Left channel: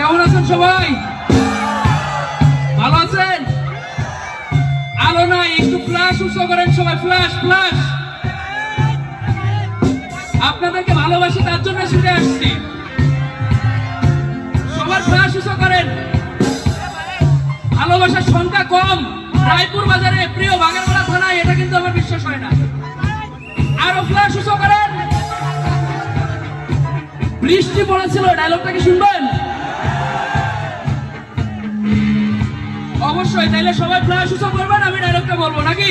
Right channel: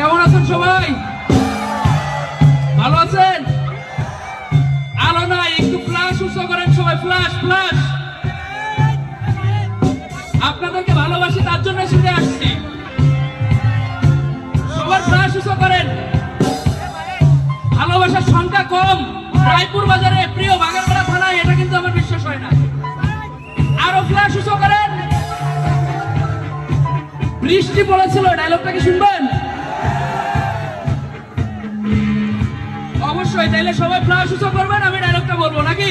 কেমন আছেন সবাই? ভালো আছেন? আলো নাই, একটু ফ্ল্যাশ উৎসব করেন সবাই, ফ্ল্যাশ ফ্ল্যাশ। আপনাদেরকে ভালোবাসি, তার জন্য ছুটে আসছি। সবার ফ্ল্যাশ উৎসব করেন। ভালোবাসার সংখ্যা কম রায়পুর বাজারে, প্রিয় বাগেরপাড়া থানায়, এটা কিন্তু আমার বিশ্বাস হয় না। আরো ফ্ল্যাশ উৎসব করেন। বৃষ্টি পড়েছিল, ডায়লগটা কি শুনবেন? অবশ্যই, তাইলে সবাই ফ্ল্যাশ উৎসব করবেন, আমি ডায়লগটা বলবো নাকি?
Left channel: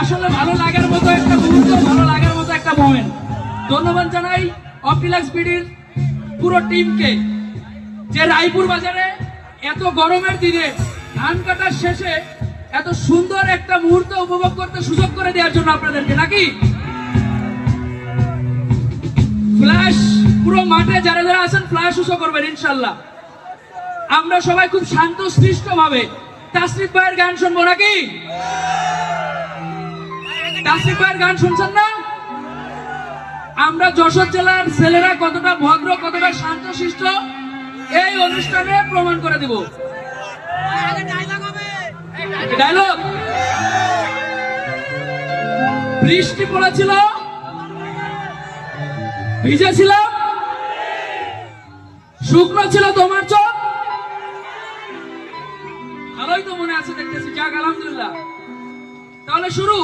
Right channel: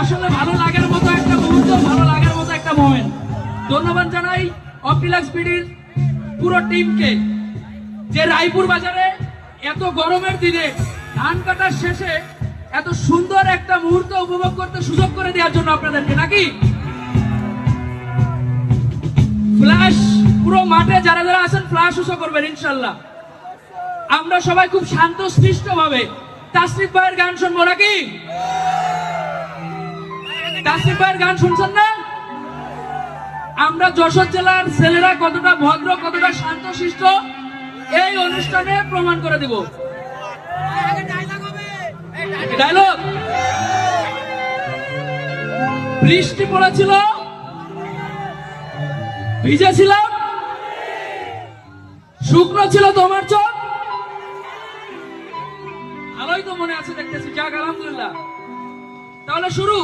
আসলে ভালো লাগার মতো একটা মুহূর্ত, ভালো লাগার মতো একটা মোমেন্ট। ধন্যবাদ জানাই অপটিলাক্স বিডির পুরো টিমকে, যে রায়পুর বাজারে এত গরমের দিনে ধান কাটার শেষে এত সুন্দর একটা মুহূর্ত উপভোগ করতে সুযোগ করে দেওয়ার জন্য আপনাদেরকে নাকি? ফ্ল্যাশ পুরো মাঠে যারা যারা আছেন ফ্ল্যাশ উৎসব করবেন ইনশাল্লাহ। আমরা সবাই খুব শান্ত সৃষ্ট ভাবে তাসরিফ ভাইয়ের গান শুনবো নাকি? তাসরিফ ভাইয়ের গান শুনছেন না? আমরা যশোর জেলার ছেলেরা কতটা ভদ্র, কতটা শান্ত শিষ্ট এই অনুষ্ঠানে প্রমাণ করে দেব। ডায়লগ। বৃষ্টি পড়েছিল, ভিজেছিলাম, শুকনো ছিল তোমার চোখ। ভালোই তো মনে আছে দেখতেছি, যাক আলহামদুলিল্লাহ। তাহলে শুরু।